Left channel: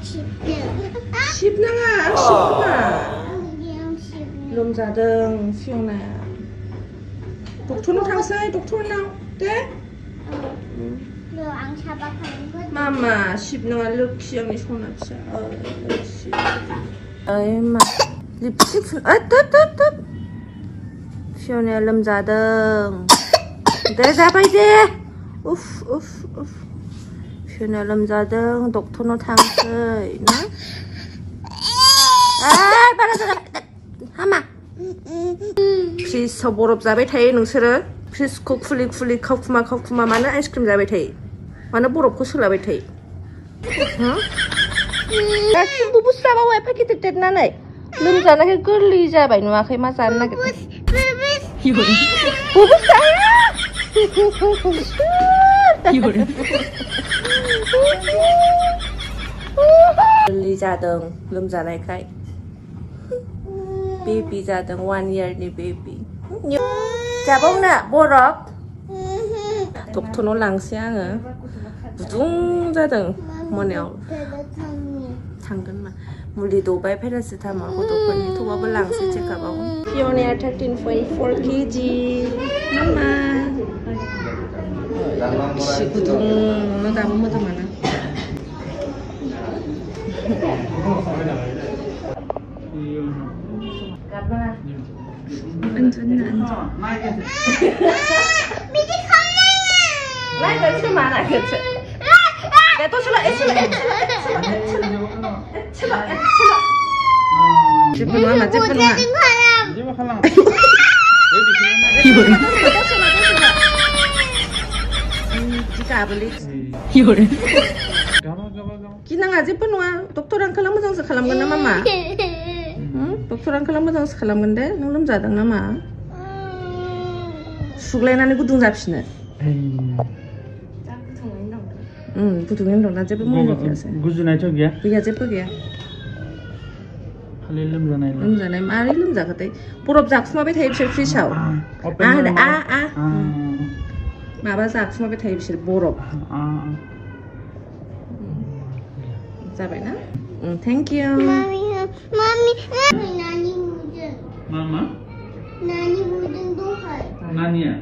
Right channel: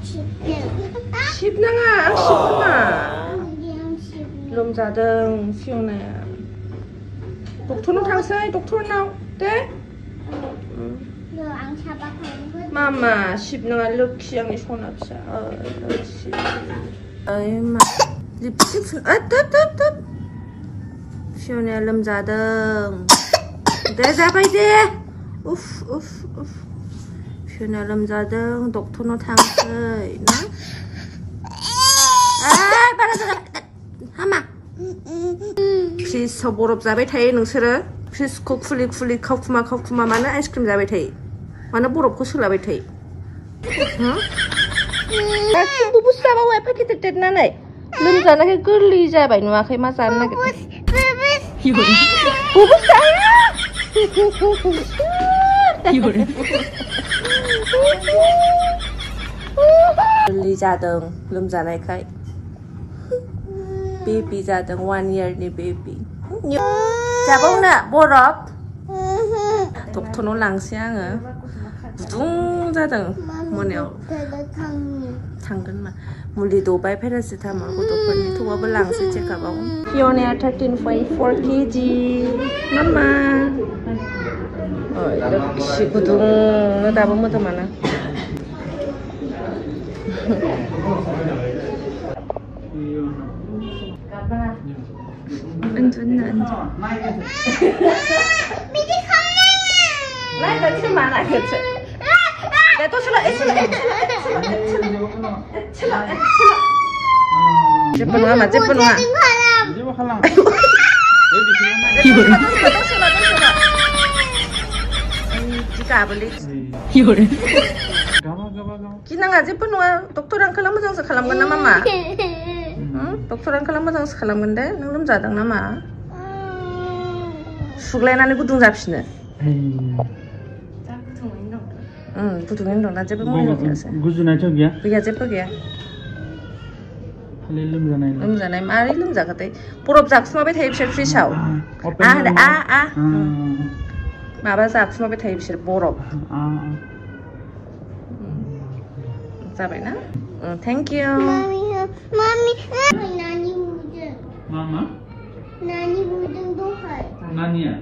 10나가 안 10나 롬자등 피오나야 독토는 탕사이 독토는 네? 마마 10나가 럭시양이 손 없어 아이마 립스틱 뜻 피오나야 롬자등 네 잡아야지 우프 피오나야 롬자등 독토는 탕사이 나? 빨아서 하마 플리즈 더 보럽 자베 타이 능스르 플리즈 코 쿨리 카쿠마 마나 아이스크림 자베 타이 마나 보럽 코 슬라베 타이 응? 부부스 사바 왜 패키트 뗐나 나이 름자나 그 끌리 자바 이누아 그 마사 안 나게 이거래 끌리 자등 름자나 카이 baby 자등 1 yearly baby 자봉나 보럽 독토노 랑시앙어 부둥 자등 뭐냐 당근만 물리도 바이 페라시타몰 고도코니 토바블 랑시 체카바고 피오니아 13.4 kg 마마 역시 부둥 너 다본 뭐더 많아 앉아. 미리 컬러야. 나 이거 많아 그치? 내 또 출라. 제쁜 와, 제쁜 와. 이거래. 진짜 아블리. 이거래. 기능아 제쁜 와. 독토랑 클라무 장사 칼람건 나마마. doktoran kalau moजां खालामगोन दे नों लोमजादों नामा सुग्लायनानै गुदुं जाफिनो गुदुङैनो दं दा जेबो मुलि गैयासै गुजुनायथ' गैया गैया जेबो गैया खालि लोमजानाय मारै लोमजाखोथाय बरफ जाखुमाबाय थायो बिसोर फ्रिजआव माबा जाखुमाबाय थायो बिसोर बरफ जाबायना thank you Mami, Nani wudeng. Mama? Nani wudeng tuh hai. Nani ya?